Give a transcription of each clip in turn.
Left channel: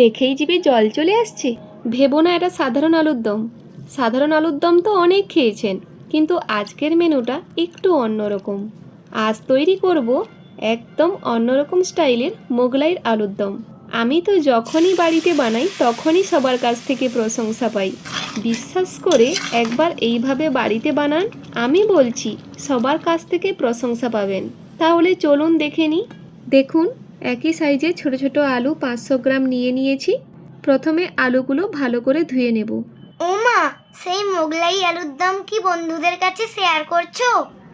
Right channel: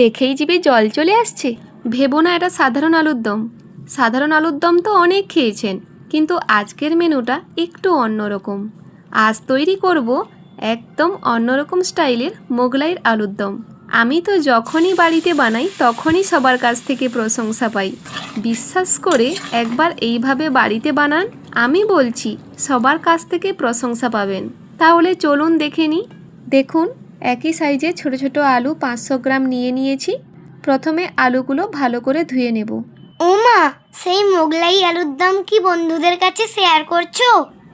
দেখেই জিভে জল চলে আসছে। ভেবো না এটা সাধারণ আলুর দম। সাধারণ আলুর দম তো অনেক খেয়েছেন, কিন্তু আজকের মেনুটা একটু অন্যরকম। আজ তৈরি করব একদম অন্যরকম স্টাইলের মোগলাইয়ের আলুর দম। আমি তো যখনই বাড়িতে বানাই তখনই সবার কাছ থেকে প্রশংসা পাই। বিশ্বাস করে একবার এইভাবে বাড়িতে বানান, আমি বলছি সবার কাছ থেকে প্রশংসা পাবেন। তাহলে চলুন দেখে নিই। দেখুন, একই সাইজে ছোট ছোট আলু 500 গ্রাম নিয়ে নিয়েছি। প্রথমে আলুগুলো ভালো করে ধুয়ে নেব। ওমা, সেই মোগলাই আলুর দম কি বন্ধুদের কাছে শেয়ার করছো?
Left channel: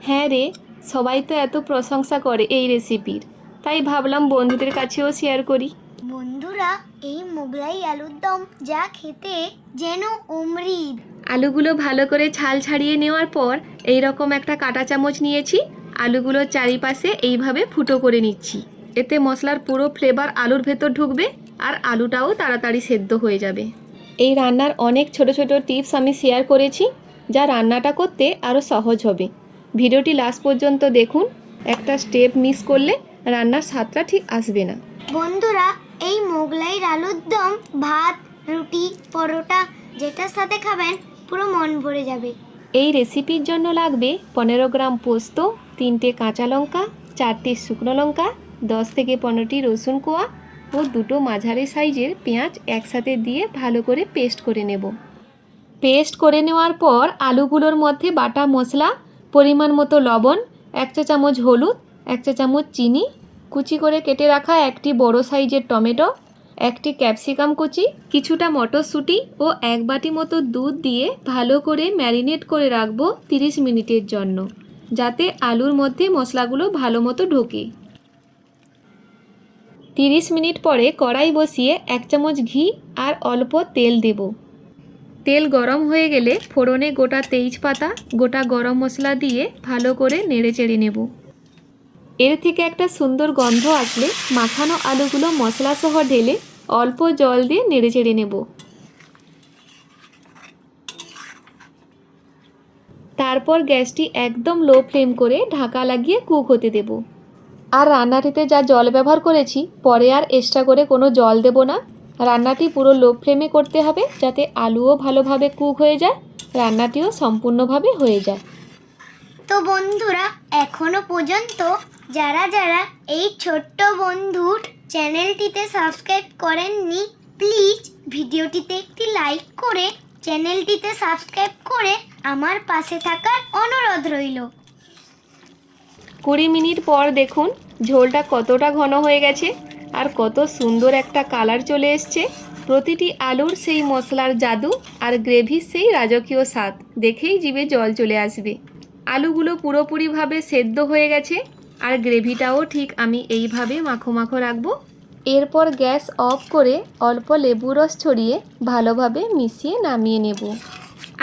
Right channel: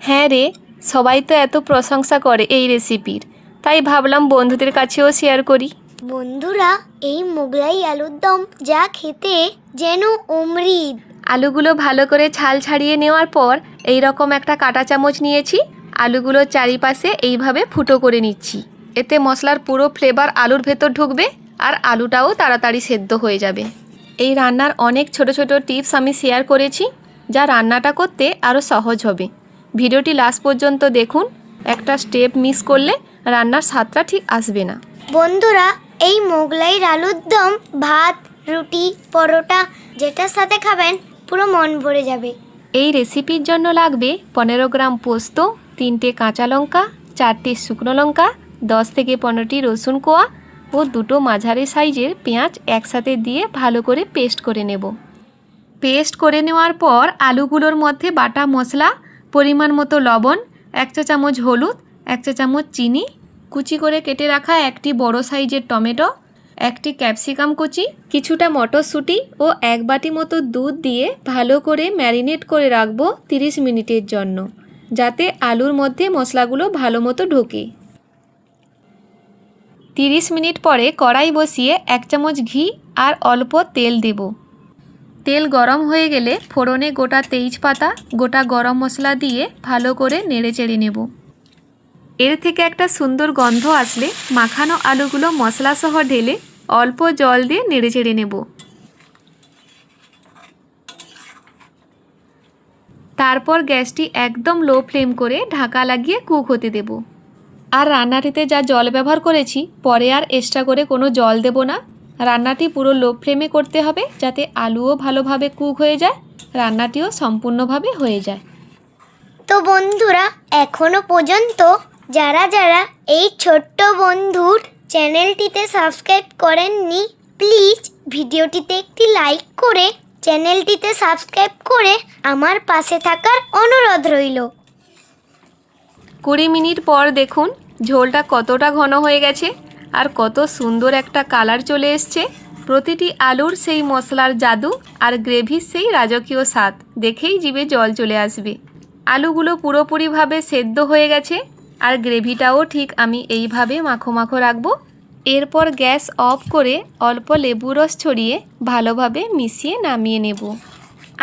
হ্যাঁ রে, সবাই তো এত প্রশংসা করে এই রেসিপির, তাই ভাবলাম বন্ধুদের কাছেও শেয়ার করি। বন্ধুরা, এই মোগলাই আলুর দম যা খেতে যেন অমৃত। আলুগুলো ভালো করে ছাল ছাড়িয়ে নেওয়ার পর এই রকম একটা কাঁটা চামচ নিয়েছি। আলুগুলোর চারিপাশে এইভাবে ফুটো করে নিচ্ছি। এতে মশলার পুরো ফ্লেভার আলুর ভেতর ঢুকবে আর আলুটাও তাড়াতাড়ি সেদ্ধ হয়ে যাবে। এই রান্নার অনেক ছোট ছোট টিপস আমি শেয়ার করেছি, যা রান্নাটা করতে আরও সহজ হবে। ভিডিওটি লাস্ট পর্যন্ত দেখুন। একটা স্টেপ মিস করলে রান্নার স্বাদটা ঠিক আসবে না। বন্ধুরা, এই মোগলাইয়ের আলুর দম ভাত, রুটি, পরোটা যেটার সাথে খাবেন পুরো মন ভরে যাবে। এই রেসিপির জন্য লাগবে 15 গ্রাম পোস্ত, 3টে কাঁচা লঙ্কা, 4টে শুকনো লঙ্কা, 10 থেকে 15টি রসুন কোয়া ও 2টো মাঝারি সাইজের পেঁয়াজ একসাথে দিয়ে ভালো করে পেস্ট করে নেব। পেস্ট করে নেওয়ার পর আলুগুলোর মধ্যে বাটা মশলা, পরিমাণ মতো লবণ, 1 চা চামচ হলুদ, 1 চা চামচ চিনি, কুচি করে কেটে রাখা একটি বড় সাইজের টমেটো, একটি ক্যাপসিকাম কুচি, কিছুটা মটরশুঁটি ও 1 বাটি মতো দুধ দিয়ে ভালো করে ম্যারিনেট করে রাখবো 30 মিনিটের জন্য, যাতে আলুর মধ্যে মশলাগুলো ভালো মতো ঢোকে। 30 মিনিট পরে কড়াই বসিয়ে 1 চামচ ঘি আর অল্প তেল দেব। তেল গরম হয়ে গেলে ফোড়নে গোটা তেজপাতা, গোটা গরম মশলা দিয়ে ভালো করে নেড়ে চেড়ে নেব। এর থেকে একটা সুন্দর গন্ধ আসলে মাখানো আলুগুলো মশলাসহ ঢেলে অল্প জল দিয়ে নেড়ে চেড়ে নেব। তারপর গ্যাসটি একদম লো ফ্লেম করে ঢাকা লাগিয়ে কুক হতে দেব। আর রান্নাটিতে যা জল ব্যবহার করেছি, পরে আর এক্সট্রা করে কোনো জল দেব না। রান্নাটি পুরো লো ফ্লেমে করতে হবে, যাতে আলুও ভালোভাবে কুক হয়ে যায়, রান্নাটিও সম্পূর্ণভাবে হয়ে যায়। তো বন্ধুরা, এখনো পর্যন্ত যারা যারা এই ছোট্ট বন্ধুর চ্যানেলটিতে সাবস্ক্রাইব করেননি, প্লিজ ভিডিওটিতে একটি লাইক করে চ্যানেলটিতে সাবস্ক্রাইব করে আমার পাশে থাকার অনুরোধ রইল। 20 মিনিট পর দেখুন ঝোলটা কতটা ঘন হয়ে গেছে আর কত সুন্দর একটা কালার চলে এসছে। প্রতিটি আলুর সেই মশলার জাদু আর গ্রেভির সেই রাজকীয় স্বাদ দেখেই জিভে জল চলে আসবে। আলুগুলো পুরোপুরিভাবে সেদ্ধ হয়ে গেছে আর গ্রেভিটাও ঠিক আমি এইভাবে মাখো মাখো রাখবো। এরপর গ্যাস অফ করে অল্প লেবু রস ছড়িয়ে ভালোভাবে মিশিয়ে নামিয়ে নেব।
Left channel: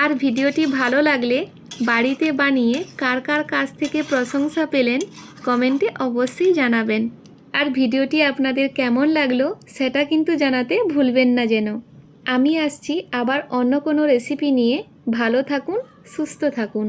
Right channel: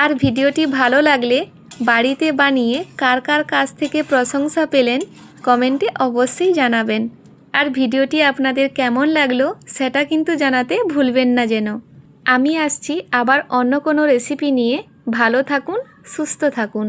আর ভিডিওটি ভালো লাগলে বাড়িতে বানিয়ে কার কার কাছ থেকে প্রশংসা পেলেন কমেন্টে অবশ্যই জানাবেন। আর ভিডিওটি আপনাদের কেমন লাগলো সেটা কিন্তু জানাতে ভুলবেন না যেন। আমি আসছি আবার অন্য কোনো রেসিপি নিয়ে। ভালো থাকুন, সুস্থ থাকুন।